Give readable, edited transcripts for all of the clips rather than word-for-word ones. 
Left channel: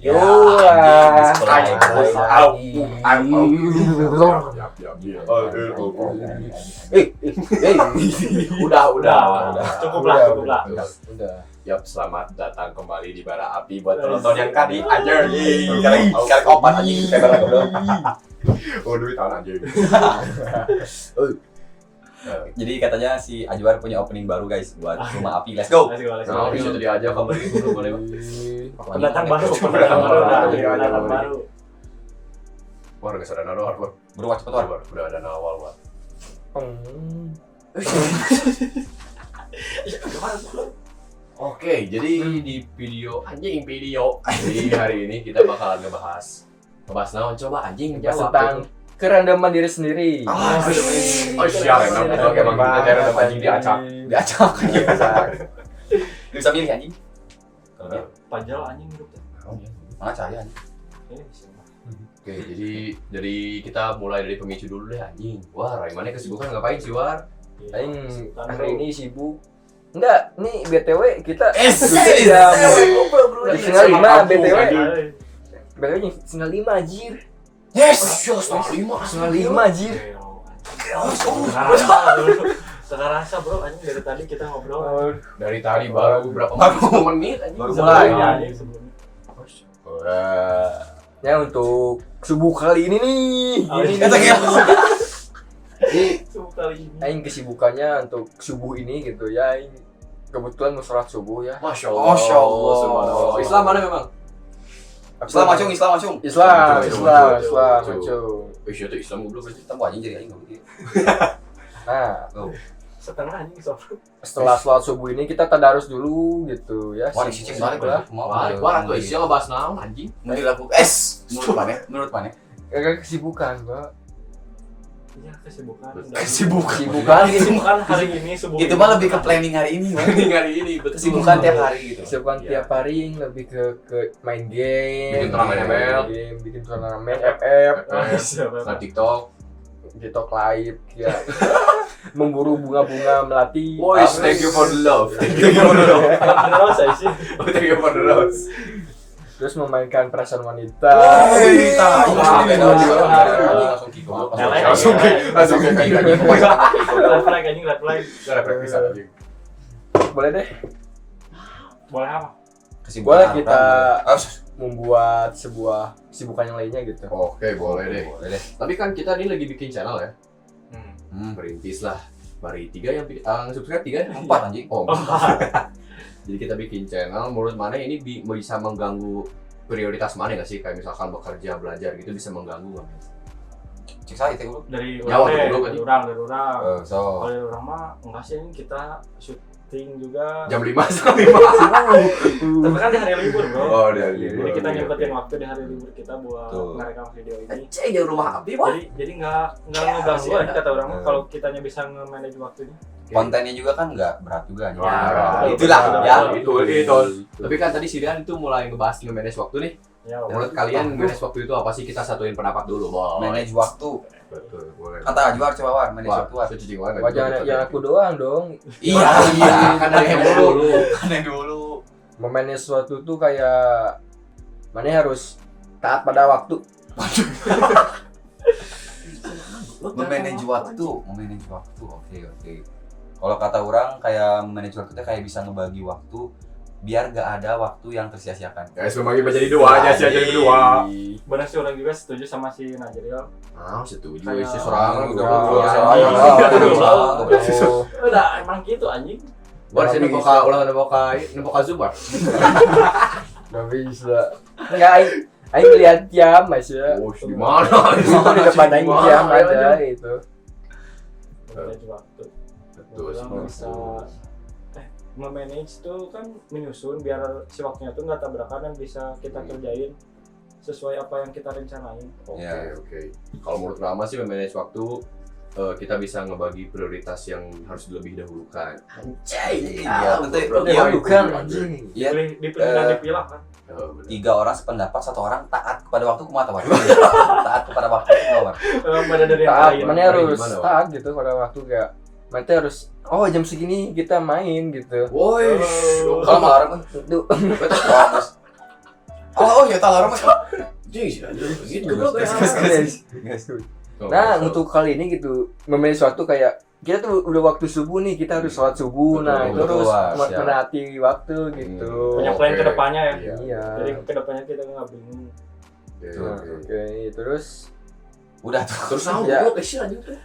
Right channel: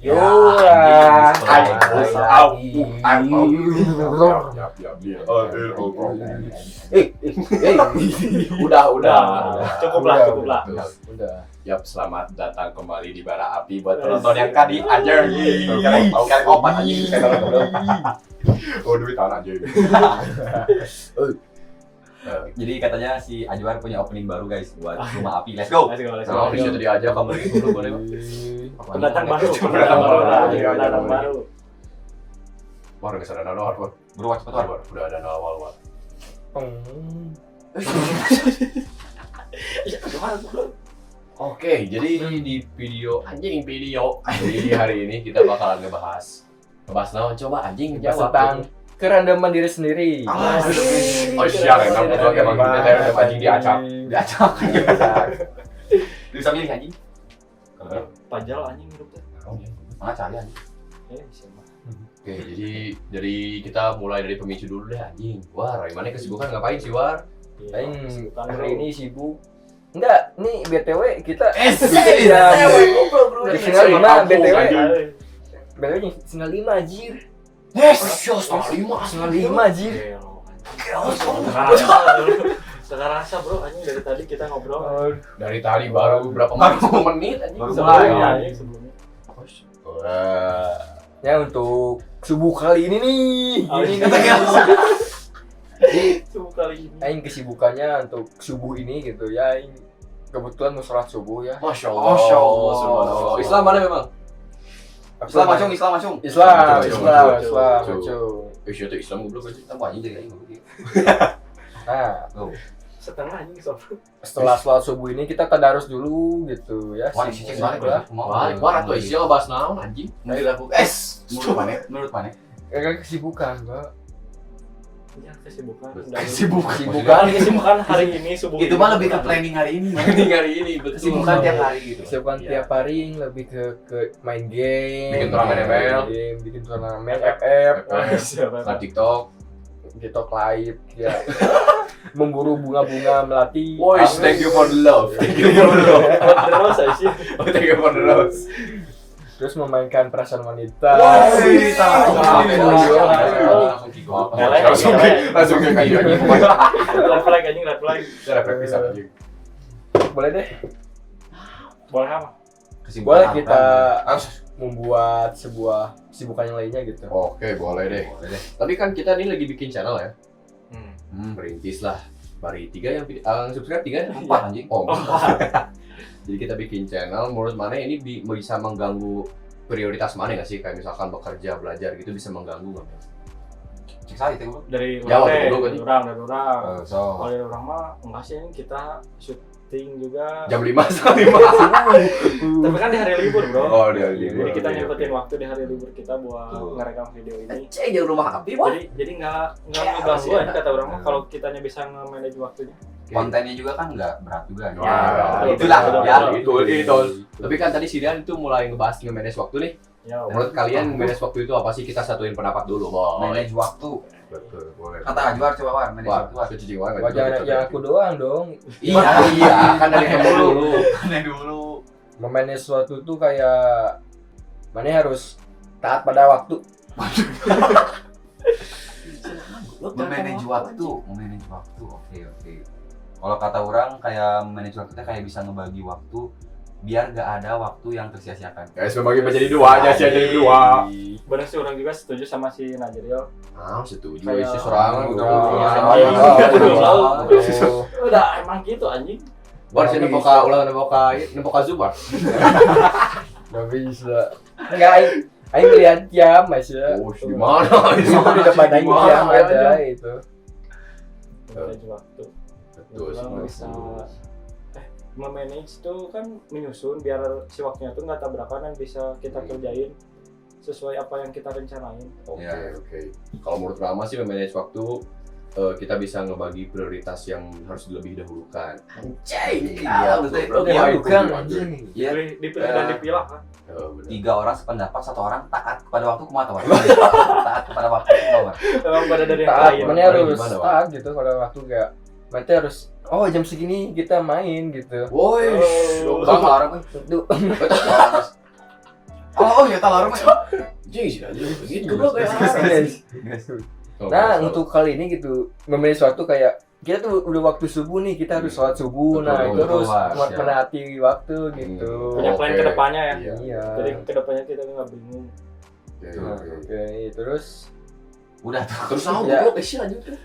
Yo Udah. Cukup lah. Udah. Yap, selamat datang kembali di Bara Api buat penonton yang tadi aja. Sekarang kopat aja. Oh, duit tanah aja. Jadi katanya si Ajwar punya opening baru guys buat Rumah Api. Let's go. Nah, bisa tadi aja kamu dulu boleh. Pendatang baru. War enggak sadar nawar, War. Buru cepet War. Udah ada nawar, War. Oke, jadi di video. Jadi hari ini kita bakalan ngebahas naon coba anjing Tentang kerendaman diri sendiri. Oh siap, emang kita anjing diacak. Lu bisa milih anjing? Pajal anjing hidupnya. Mana cari anjing? Oke, jadi kita mulai dari pemicu dulu deh anjing. Wah, Raimane kesibukan ngapain sih, War? Aing hari ini sibuk. Enggak, nih BTW kita jam 4:30 BTW. BTW jam 4:30 anjir. Yes, 5. 4:30 anjir. Sekarang rasa bro, anjing dari tadi kita ngobrol. Dari tadi baru berapa menit anjing? Baru Sebelumnya anjing sebelumnya. Ya untuk subuh kali ini nih. Subuh kali ini. Aing kesibukannya untuk subuh ini gitu ya. Aing kebetulan mau sholat subuh ya. Masya Allah, subhanallah. Islam mana memang? Islam macung. Islam. Itu Islam goblok aja. Kita mau anjing jadi aing gitu. Nah, Setengah anjing sob. setelah sholat subuh ini kita tadarus dulu gitu ya. Wah, si cek balik lah. Wah, atuh isi ngebahas naon anjing? Mau dilakukan. Menurut mana? Kesibukan, Pak. Iya, kesibukan. Kesibukan Hari ini subuh. Itu mah lebih ke planning hari ini. Hari ini betul. Kesibukan tiap hari gitu. Kesibukan tiap hari lebih ke main game, Bikin turnamen ML. bikin turnamen FF, Nah, TikTok. TikTok live ya. Memburu bunga-bunga melati. Boys, thank you for the love. Terus sih. Thank you for the love. Terus memainkan perasaan wanita. Langsung ke kayu anjing. Red flag. Boleh deh. Boleh apa? Boleh kita membuat sebuah kesibukan yang lainnya gitu. Oke, boleh deh. Tapi kan kita ini lagi bikin channel ya. Berintis lah. Bari 3 yang subscribe 3 4 anjing. Oh. Jadi kita bikin channel, menurut mana ini bisa mengganggu prioritas mana nggak sih? Kayak misalkan bekerja, belajar gitu bisa mengganggu nggak? Cek saya itu Dari Ya, waktu dulu kan. dari orang. Kalau dari orang mah enggak sih, ini kita syuting juga. Jam 5 sampai 5. Tapi kan di hari libur, Bro. Oh, di hari libur. Jadi kita nyempetin waktu di hari libur kita buat ngerekam video ini. cek jauh Rumah Api Wah. Jadi enggak ngeganggu aja kata orang mah kalau kitanya bisa nge-manage waktunya. Kontennya juga kan nggak berat juga. Itulah ya. Itu. Tapi kan tadi si Rian itu mulai ngebahas nge-manage waktu nih. Ya, Menurut kalian manage waktu itu apa sih? Kita satuin pendapat dulu, Boy. Manage waktu. Betul, boleh. Kata Ajwar coba War, manage Wah, waktu. suci jiwa nggak Wajah juga, ya aku doang dong. Iya, kan dari yang dulu. dulu. Memanage sesuatu tuh kayak mana harus taat pada waktu. Memanage waktu. Oke. Kalau kata orang kayak manage waktu itu kayak bisa ngebagi waktu biar gak ada waktu yang tersia-siakan. Guys, membagi menjadi dua aja sih, jadi dua. Benar sih, orang juga setuju sama si Najriel. Setuju. Kayak- Isi serangan Udah emang gitu anjing. Bar sih nempoka Zubar. Gak bisa. Enggak, aing lihat jam Mas ya. Oh, gimana? Itu di depan aing jam ada itu. Manage waktu. Betul sih. Orang bisa memanage tuh kan menyusun biar si waktunya tuh nggak tabrakan dan bisa kita kerjain sesuai apa yang kita rencanain. Oke. Kalau menurut Rama sih memanage waktu kita bisa ngebagi prioritas yang harus lebih dahulukan. Anjing. Iya, betul. Iya, bukan anjing. Iya. Dipilih dan dipilah kan. Benar. 3 orang sependapat, 1 orang taat kepada waktu kumaha War. Taat kepada waktu kumaha. Emang pada dari yang Taat, lain. mana harus Gimana, Wak? taat gitu pada waktu gak. Nanti harus jam segini kita main gitu. Woi, Oh. kalau malam Tuh. Oh, ya tahu lama. Jadi sih aja gitu Goblok goblok ya. ya. Nah, untuk kali ini gitu memilih suatu kayak kita tuh udah waktu subuh nih, kita harus sholat subuh. Nah, itu Betul, harus siap. menaati waktu gitu. Punya plan Oke. ke depannya ya. Iya. Jadi ke depannya kita nggak bingung. Nah, oke, terus Udah tuh. Terus aku Ya. goblok sih lanjut tuh.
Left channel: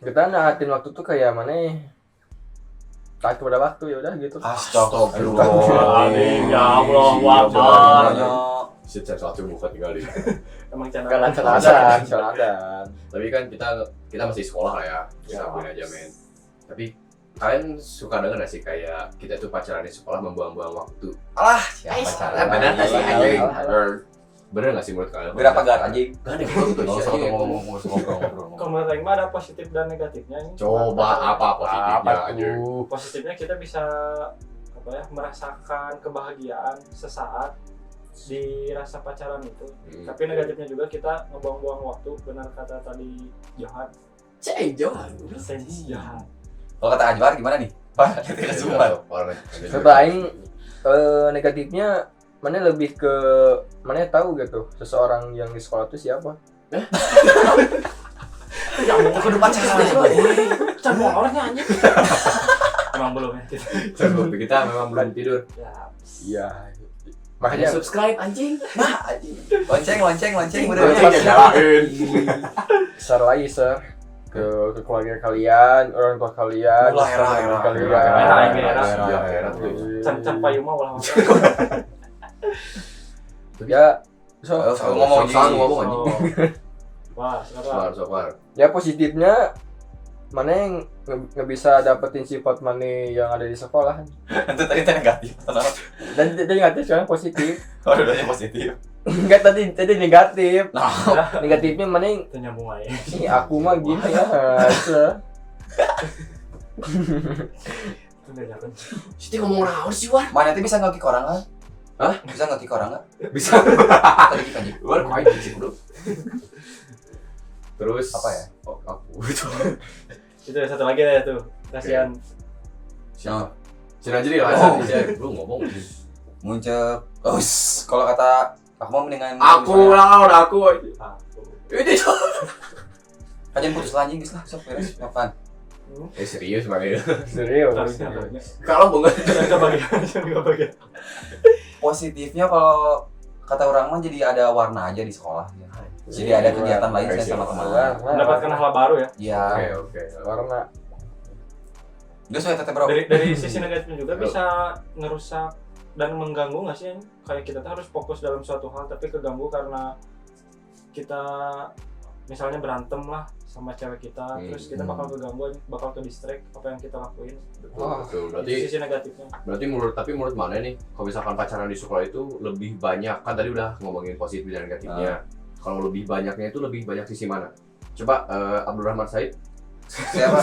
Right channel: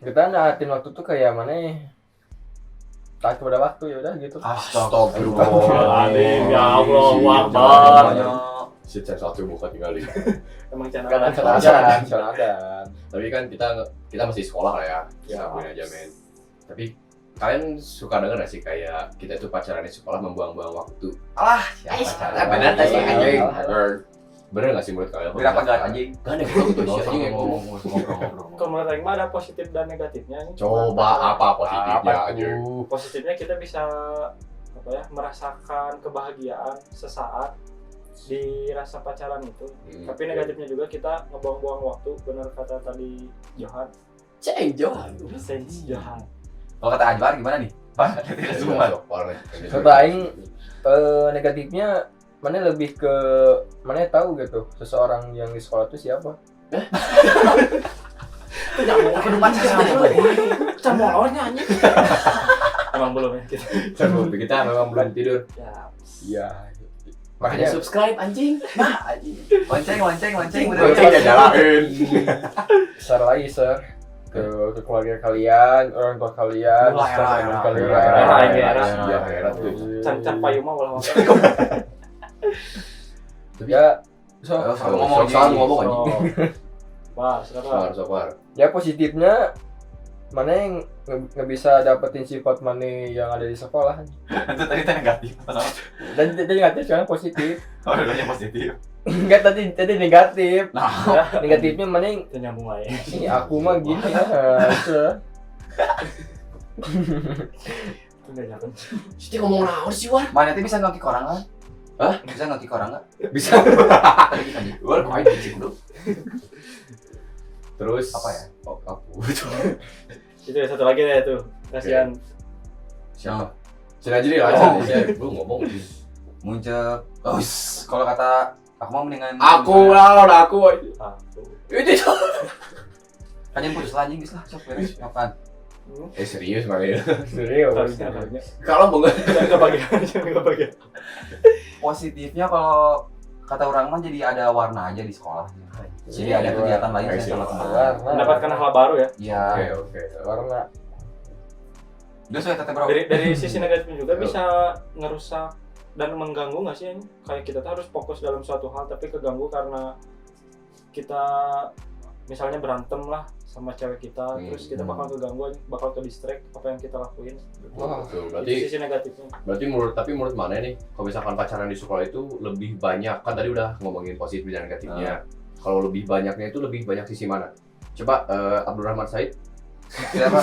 kita naatin waktu tuh kayak mana ya? Taat kepada waktu ya udah gitu. Astagfirullahaladzim, ya Allah, Iya, Akbar. Setiap satu buka tinggal di. Emang channel Karena celadan. Tapi kan kita masih sekolah lah ya. Ya. Sabuin aja men. Tapi kalian suka denger gak sih kayak kita tuh pacaran di sekolah membuang-buang waktu? Siapa cara? Bener gak sih Alah, anjing? alah. Bener gak sih menurut kalian? Berapa gak anjing? Gak ada yang tuh Nggak usah anjing. ngomong. Kalau menurut Aing mah ada positif dan negatifnya ini. Coba apa positifnya Apa aja? tuh? Positifnya kita bisa apa ya, merasakan kebahagiaan sesaat di rasa pacaran itu. Tapi negatifnya juga kita ngebuang-buang waktu, benar kata tadi Johan. Johan. Johan. Kalau kata Anwar gimana nih? Pak, tidak semua. Coba aing negatifnya mana lebih ke mana tahu gitu seseorang yang di sekolah itu siapa? Jangan pacaran. Jangan orangnya anjing. Emang belum ya kita. Kita memang belum tidur. Ya. Iya. Makanya Makanya subscribe anjing. Lonceng, Udah bener. Jalanin. share lagi share ke keluarga kalian, orang tua kalian, Mulai teman era. kalian. Era tuh. Can payung mah ulah. Ya, so Ngomong ngomong anjing. Wah, sekarang. Sabar. ya positifnya mana yang nggak bisa dapetin sifat mana yang ada di sekolah, Itu tadi negatif. dan tadi negatif sekarang positif. Oh, dua-duanya positif. Enggak, tadi negatif. Nah, Negatifnya mana yang Kita nyambung lagi. ih, aku mah gini ya. Udah jangan. Siti ngomong naon sih Wan? mana itu bisa ngekik orang kan? Hah? Bisa ngekik orang nggak? Bisa. Tadi kan ya? Wan main sih bro. Terus Apa ya? Oh, aku. Itu ya, satu lagi deh tuh. Kasihan. Siapa? Cina jadi lah. Oh. Belum ngomong. Muncul. Oh, kalau kata aku mau mendingan. Aku lawan aku. Aku. Ini tuh. Kajian putus lah anjing geus lah sok beres kapan? Serius kali ya. Serius. Kalau banget. Jangan kebagian. Positifnya kalau kata orang mah jadi ada warna aja di sekolah ya. Jadi ada kegiatan lain saya sama teman. Mendapatkan hal baru ya. Iya. Oke. Warna. Udah saya teteh bro. Dari sisi negatifnya juga bisa ngerusak dan mengganggu nggak sih? Kayak kita tuh harus fokus dalam suatu hal tapi keganggu karena kita misalnya berantem lah sama cewek kita, terus kita bakal keganggu, bakal ke distract apa yang kita lakuin. Wah, Betul. Itu Berarti sisi negatifnya. menurut mana nih? Kalau misalkan pacaran di sekolah itu lebih banyak, kan tadi udah ngomongin positif dan negatifnya. Kalau lebih banyaknya itu lebih banyak sisi mana? Coba Abdurrahman Said. Siapa?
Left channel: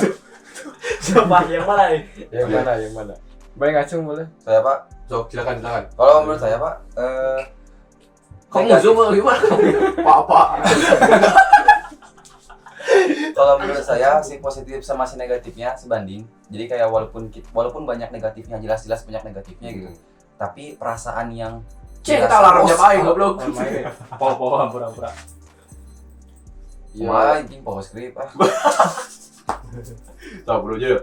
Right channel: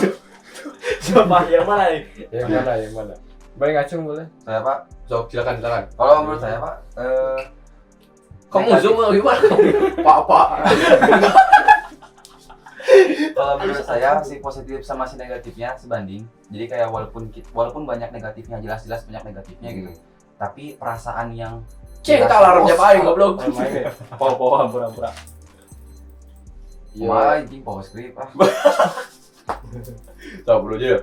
Siapa yang mana nih? Yang mana? Boleh ngacung boleh? Saya Pak. So, silakan. Kalau menurut saya Pak, Kamu zoom gimana? Pak. kalau menurut saya si positif sama si negatifnya sebanding. Jadi kayak walaupun banyak negatifnya, jelas-jelas banyak negatifnya gitu. Tapi perasaan yang Cinta larang jam aing goblok. Main poho pura-pura. Wah, anjing power script ah. Tahu bro aja.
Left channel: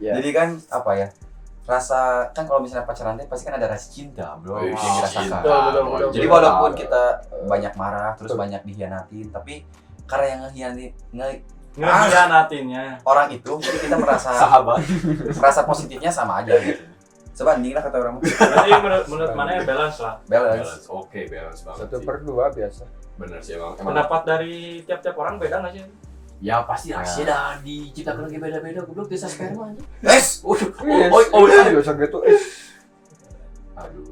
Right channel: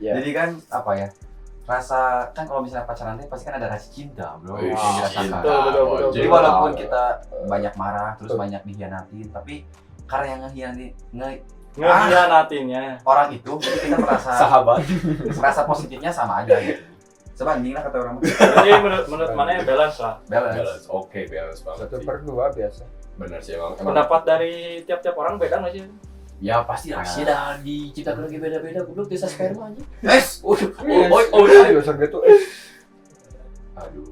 Ya. Jadi kan apa ya? Rasa kan kalau misalnya pacaran teh pasti kan ada rasa cinta, bro. Wih, Yang dirasakan. Betul. Jadi walaupun kita banyak marah, terus banyak dihianatin, tapi karena yang Ngehianatinya. orang itu, jadi kita merasa Sahabat. rasa positifnya sama aja gitu. Sebanding lah kata orang. Jadi menurut mana ya balance lah. Balance. Oke, balance banget. 1/2 biasa. Benar sih emang. Pendapat dari tiap-tiap orang beda nggak sih? Ya pasti sih dah diciptakan lagi beda-beda goblok desa sperma aja. Es. Biasa gitu. Aduh.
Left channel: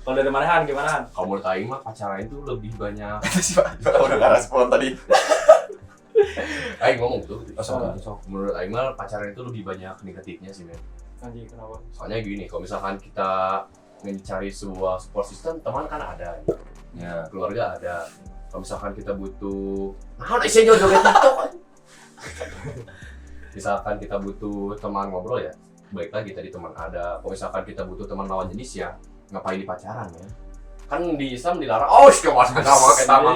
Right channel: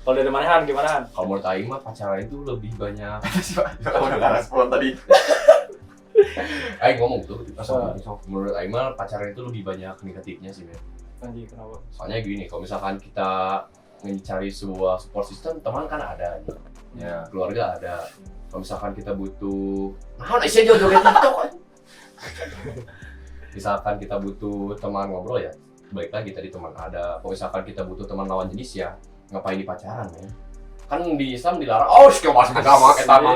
Kalau dari mana Han, gimana Han? Kalau menurut aing mah pacaran itu lebih banyak. Udah ngaras pulang tadi. Aing ngomong tuh. Sok. Menurut aing mah pacaran itu lebih banyak negatifnya sih, men. Anjing kenapa? Soalnya gini, kalau misalkan kita mencari sebuah support system, teman kan ada, Ya. keluarga ada. Kalau misalkan kita butuh, mana sih joget TikTok? Misalkan kita butuh teman ngobrol ya, baik lagi tadi teman ada. Kalau misalkan kita butuh teman lawan jenis ya, ngapain di pacaran ya? kan di Islam dilarang. Oh, sih masuk ke sama kita mah.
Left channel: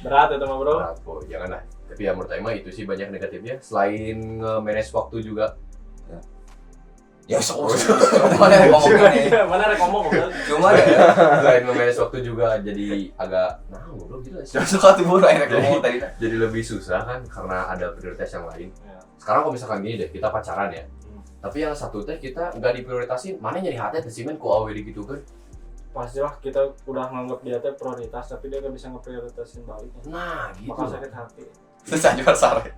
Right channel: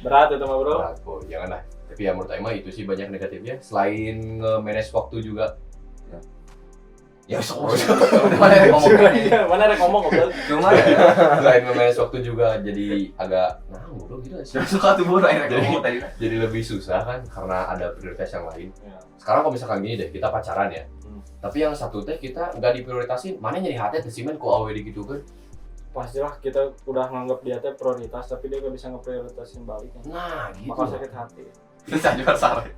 Berat itu mah bro. Berat, Boy. Janganlah. Tapi ya menurut Aing itu sih banyak negatifnya. Selain nge-manage waktu juga. Ya sok mana yang ngomong kan ya. Mana ada ngomong kok. Cuma ya Selain nge-manage waktu juga jadi agak goblok gitu sih. suka tuh buru yang ngomong tadi. Jadi lebih susah kan karena ada prioritas yang lain. Ya. Sekarang kalau misalkan gini deh, kita pacaran ya. Tapi yang satu teh kita nggak diprioritasin, mana jadi hati teh simen ku awe gitu kan. Pastilah kita udah nganggap dia teh prioritas tapi dia nggak bisa ngeprioritasin balik. Nah, gitu. Bakal sakit hati. Susah juga sare.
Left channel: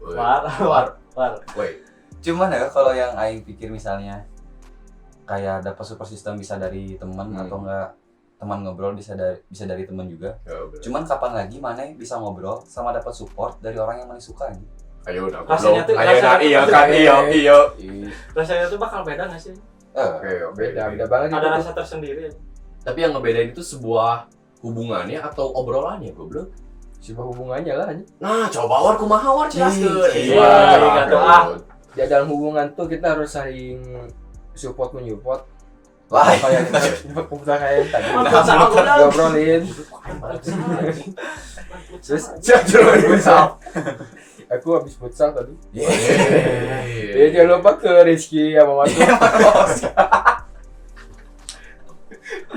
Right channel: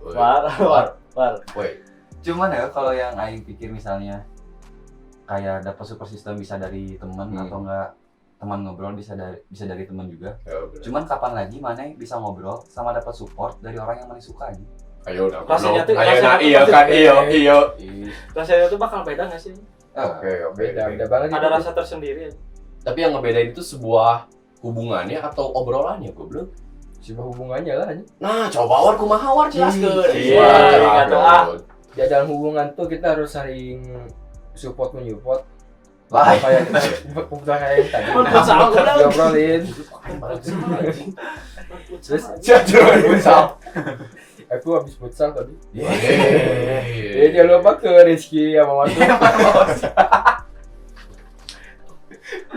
War. Woi, Cuman ya kalau yang aing pikir misalnya kayak dapat support system bisa dari teman atau enggak teman ngobrol bisa dari teman juga. ya bener. Cuman kapan lagi mana bisa ngobrol sama dapat support dari orang yang mana suka nih? Ayo udah. Rasanya tuh- Ayo rasanya nah, tuh- iya kan, iya. Rasanya tuh bakal beda nggak sih? Oke. Beda banget Ada itu. rasa tersendiri. Tapi yang ngebedain itu sebuah hubungannya atau obrolannya, goblok. Sebuah hubungannya lah. Nah, coba war kumaha war jelaskeun. Iya, gitu ah. Ya dalam hubungan tuh kita harus saling support menyupport. Lah, Kayak kita kayak yang tadi Futsal, goblok. diobrolin. Terus Jangan futsal. aku habis futsal tadi. Ya Yeay. jangan lupa ke Rizky sama Matu.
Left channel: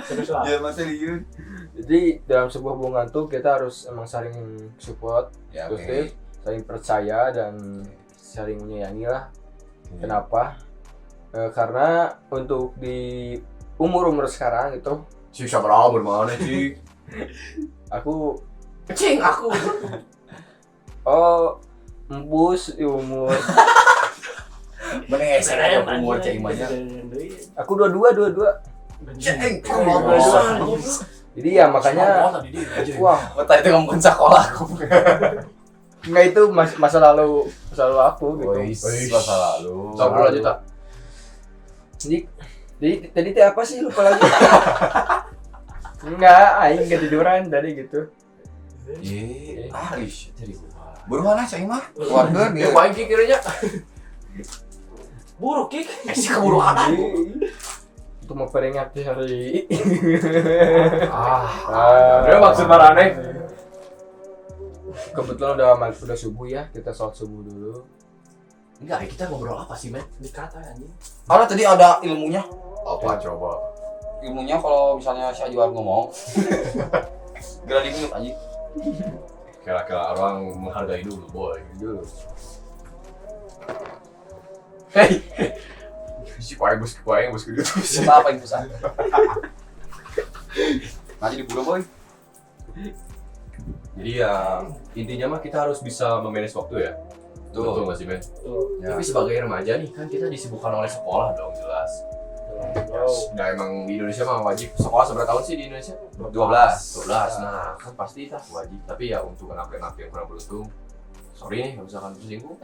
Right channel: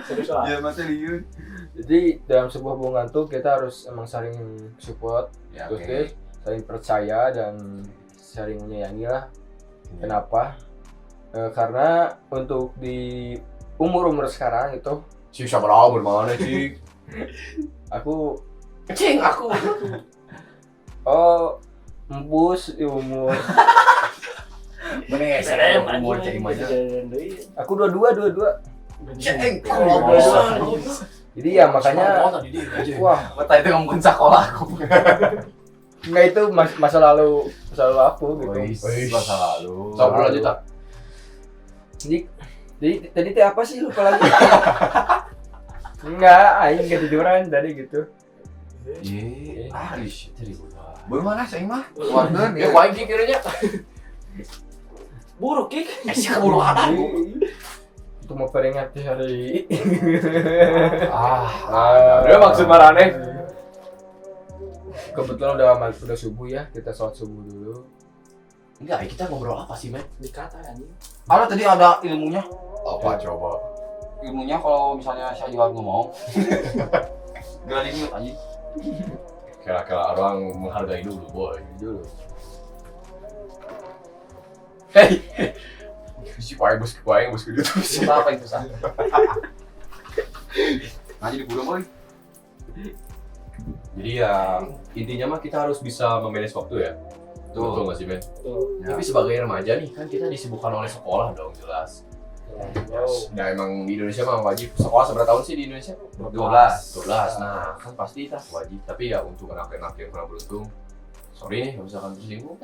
Terus lah. ya masih liur. Jadi dalam sebuah hubungan tuh kita harus emang saling support, Ya terus oke. saling percaya dan saling menyayangi lah. Kenapa? Karena untuk di umur sekarang itu Si siapa lah bermana sih? aku Cing aku. embus di umur. Bener umur cek imanya. Aku dua. Ceng. Jadi ya makanya wah, Tadi itu ngomongin sekolah aku. nggak itu masa lalu aku gitu. Masa lalu. Coba lanjut tak. Jadi tadi teh apa sih lupa lagi. Enggak, aing enggak tiduran tadi gitu. Ye, Ish, jadi gua. bermana cek mah? Keluarga Ya dia. main kirinya. Buruk Kik. Si keburu apa? Untuk memperingati hari Ada maksud marane. kebetulan udah subuh ya, kita sholat subuh dulu. Enggak, kita ngobrol apa sih, men? Dikata anjing. Karena tadi ada ilmunya. Apa coba? Ilmunya kalau misalnya si Ajuar ngomong. Berani minut anjing. Kira-kira orang menghargai dulu, boy. Dulu. Hey. Si kuaing bos gitu. Susah apa itu susah? Nah jadi bulan boy. Jadi ya intinya mah kita harus bisa memanage waktu ya. Betul nggak sih, men? Ya. Tapi sebagai remaja nih kan kita disibukkan oleh sekolah dong, jelas. Ya emang di Indonesia mah wajib sekolah seberapa tahun sih di Indonesia? 12. 12. Nah, kan pasti itu wajib. Tapi ya untuk anak-anak yang kurang beruntung, sorry nih kalau misalkan tersinggung.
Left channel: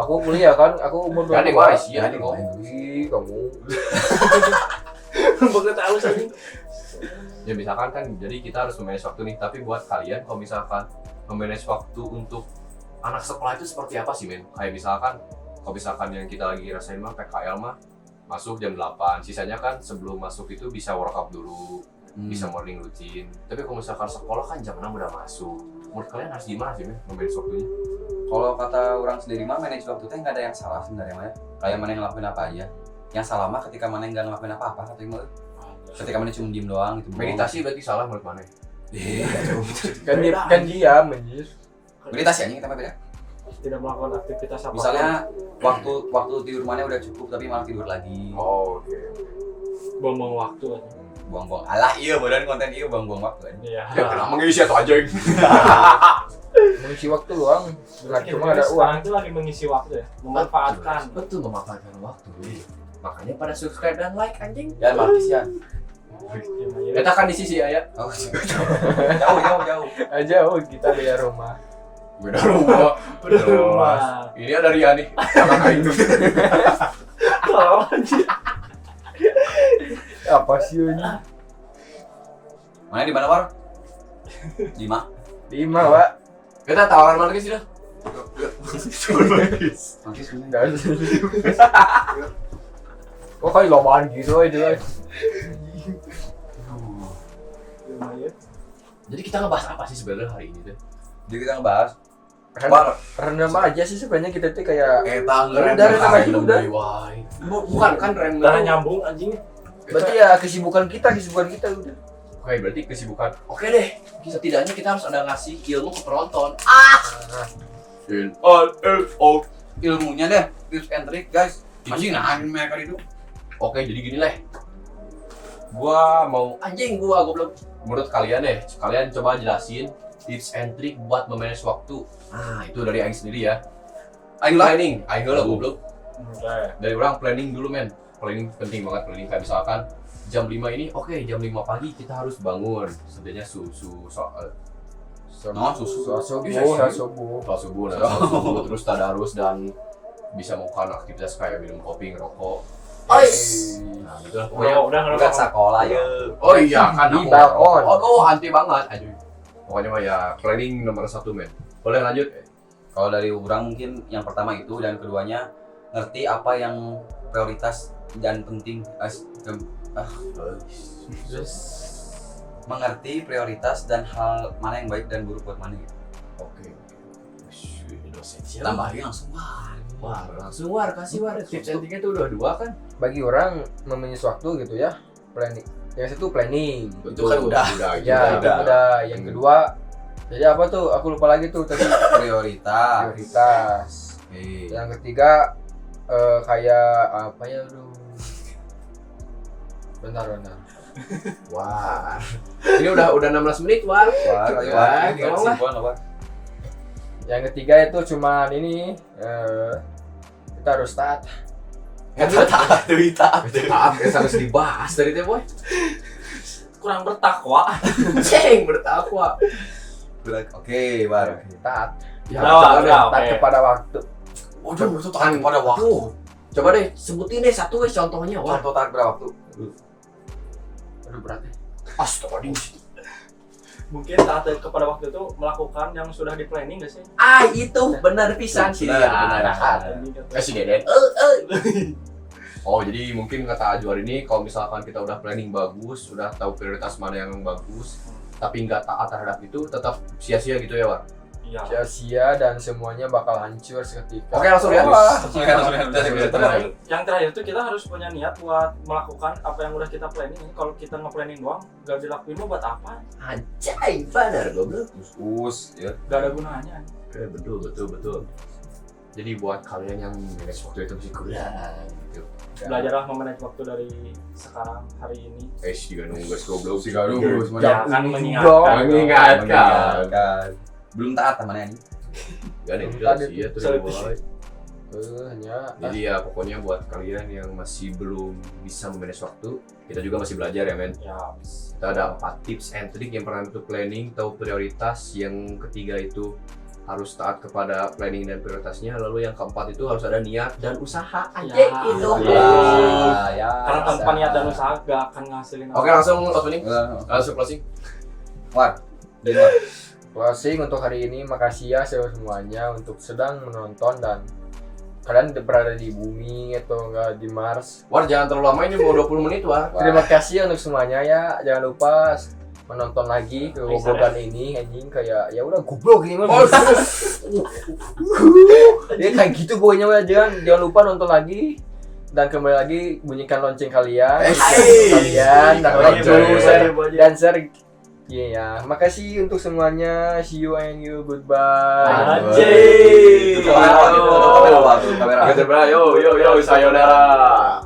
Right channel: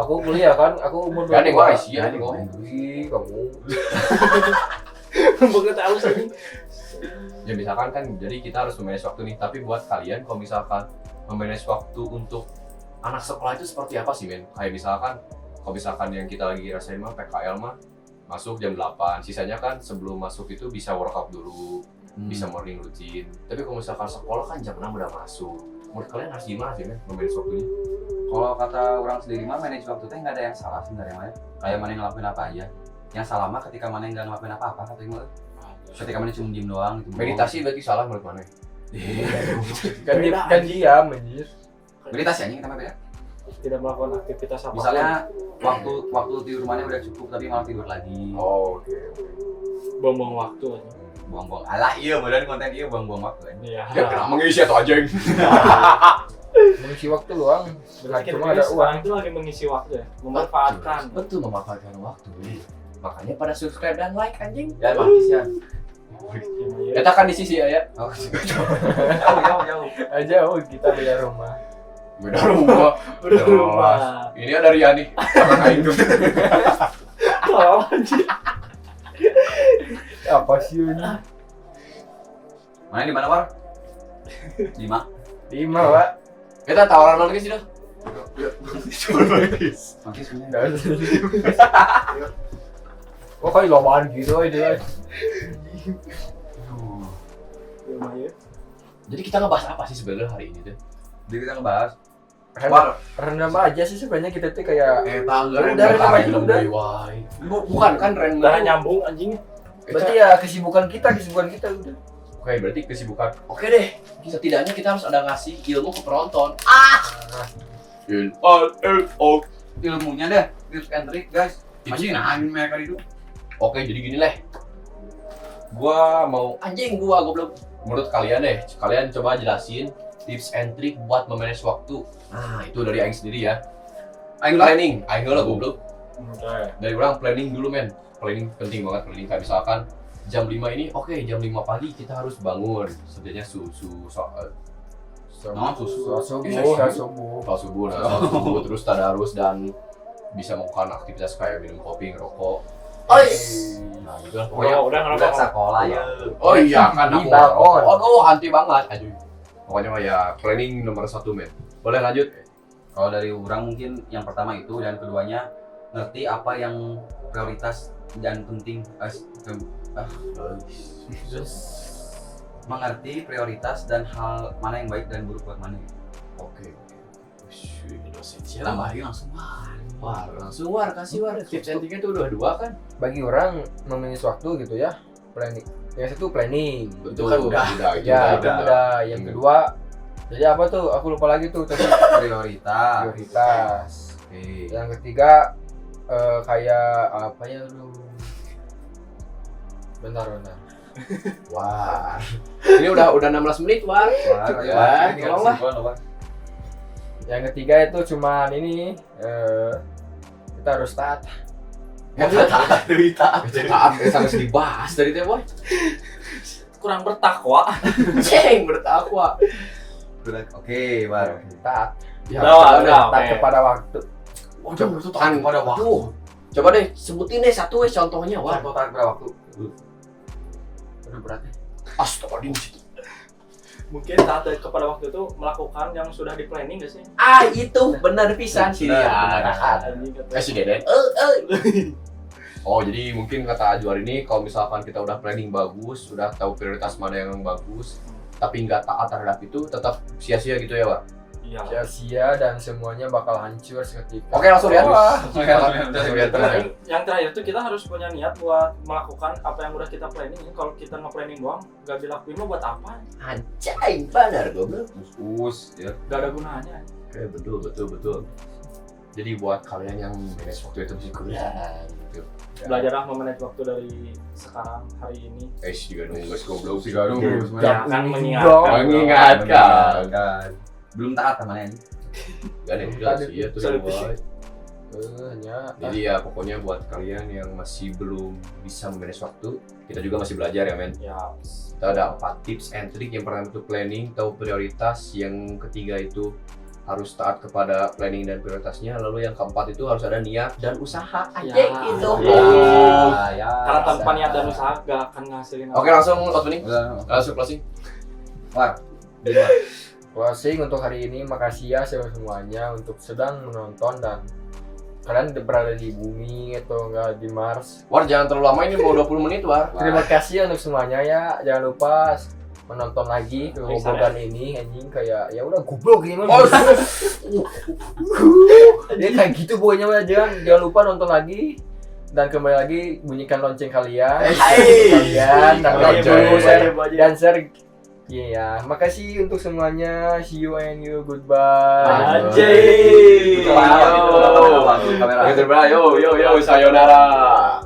Aku kuliah kan, aku umur Ya, 22. guys, ya, nih ngomong. Ih, kamu. Bukan tahu sih. Ya misalkan kan, jadi kita harus memanage waktu nih. Tapi buat kalian kalau misalkan memanage waktu untuk anak sekolah itu seperti apa sih, men? Kayak misalkan, kalau misalkan yang kita lagi rasain mah PKL mah masuk jam 8, sisanya kan sebelum masuk itu bisa workout dulu, bisa morning routine. Tapi kalau misalkan sekolah kan jam 6 udah masuk. Menurut kalian harus gimana sih, men, memanage waktunya? Kalau kata orang sendiri mah manage waktu itu nggak ada yang salah sebenarnya mah. Kayak mana yang ngelakuin apa aja. Yang salah mah ketika mana yang nggak ngelakuin apa-apa katanya. Ketika mana cuma diem doang gitu. Meditasi berarti salah menurut mana? Kan diam anjir. Meditasi aja kita mah beda. Tidak melakukan aktivitas apa. Misalnya waktu tidur mana udah cukup tapi malah tidur lagi. Oh, oke. buang-buang waktu aja. Buang-buang. Alah iya beneran konten iya buang-buang waktu kan. Iya. Ya pernah mengisi atau anjing. Mengisi waktu luang. Bukan Kita cuma ada uang. sekarang itu lagi mengisi waktu ya, memanfaatkan. Betul, memanfaatkan waktu. Makanya pada subscribe dan like anjing. Ya matis ya. Kita kan di sisi ya. Oh, jauh. Aja kita beda rumah. Beda rumah. Udah di rumah. Ini ada Riani. Kakak itu. Kalau anjir. Apa sih ini? Mana di mana, War? 5. 5, Pak. Kita tawaran mana sih dah? Matis bener. Enggak ada. Kok kayak lomaan gitu aja guys. Lumayan. Jadi kita ngebahas apa sih sebenarnya hari ini tuh? Jadi kita ngebahas Random aja sih sebenarnya kita tuh kayak Udah random aja udah. Bukan kan random. Udah nyambung anjing. Berarti ya kesibukan kita udah. Oke, berarti kesibukan. Oke deh. Setidaknya kita harus ada ngasih ilmu ke penonton. ilmunya deh, tips and trick guys. Masih nahan mereka itu. Oke, jadi gini leh. Gua goblok. Menurut kalian deh, kalian coba jelasin tips and trick buat memanage waktu. Nah, itu dari Aing sendiri ya. Aing lah. Planning, Aing lah goblok. Oke. Dari orang planning dulu men. Planning penting banget, planning kayak misalkan jam 5 ini, oke jam 5 pagi kita harus bangun. Setidaknya subuh, terus tadarus dan bisa melakukan aktivitas kayak minum kopi, ngerokok. Nah, itu lah pokoknya. Udah Udah sekolah ya. Oh iya, kan Di aku balkon. Oh, anti banget. Aduh. Pokoknya mah ya planning nomor 1 men. Boleh lanjut? Kalau dari orang mungkin yang pertama itu dan keduanya ngerti apa yang prioritas dan penting. Mengerti prioritas dan hal mana yang baik dan buruk buat mana. Oke. Ini dosen siapa? Tambahin langsung. Wah, langsung kasih tips and trick itu udah 2 kan? Bagi orang memanage waktu gitu ya. Planning. Yang satu planning. Itu kan udah. Ya, itu udah. Yang kedua jadi apa tuh? Aku lupa lagi tuh tadi. Prioritas. Oke. Yang ketiga kayak apa ya aduh. Bentar. Wah. Ini udah 16 menit, Wah. Tolonglah. Yang ketiga itu cuman ini kita harus taat. Taat harus dibahas dari teh, Boy. Kurang bertakwa. Bertakwa. Oke, baru. Taat. Ya, Udah, Taat kepada waktu. Waduh, taat pada waktu. Coba deh sebutin deh satu contohnya, Wah. Contoh taat pada waktu. Aduh berat ya. Astagfirullah. Mungkin taat kepada waktu itu melakukan yang sudah di planning gak sih? Itu benar pisan sih dia. Taat. Si Deden. Oh, jadi mungkin kata Ajuar ini kalau misalkan kita udah planning bagus, sudah tahu prioritas mana yang bagus, tapi nggak taat terhadap itu, tetap sia-sia gitu ya, Wak? Iya. Sia-sia dan semuanya bakal hancur seketika. Oke, langsung ya. Yang terakhir tuh kita harus punya niat buat melakukan apa yang udah kita planning. Kalau kita nge-planning doang, gak dilakuin mah buat apa? Anjay, benar goblok. Ya. Gak ada gunanya. Oke, betul. Jadi buat kalian yang manage waktu itu masih kurang gitu. Belajarlah memanage waktu dari sekarang hari ini. Juga nunggu goblok. Jangan mengingatkan. Belum taat namanya ini. Gak ada udah sih ya tuh. Hanya Jadi ya pokoknya buat kalian yang masih belum bisa memanage waktu, kita juga masih belajar ya men. Ya. Kita ada 4 tips and trick. Yang pertama itu planning, tahu prioritas. Yang ketiga itu harus taat kepada planning dan prioritasnya. Lalu yang keempat itu harus ada niat dan usaha. Ya. Itu. Ya. Karena tanpa niat dan usaha gak akan ngasilin. Oke, langsung opening. Langsung closing. closing untuk hari ini. Makasih ya semuanya untuk sedang menonton dan kalian berada di bumi atau enggak di Mars. War, jangan terlalu lama, ini mau 20 menit, War. Terima kasih untuk semuanya ya. Jangan lupa menonton lagi kegoblokan ini anjing kayak ya udah goblok ini mah. Ya kayak gitu pokoknya mah jangan lupa nonton lagi dan kembali lagi bunyikan lonceng kalian, dan like dulu, share dan share. Iya, makasih untuk semuanya. See you and you, goodbye. Anjay. Kamera. Yo, sayonara.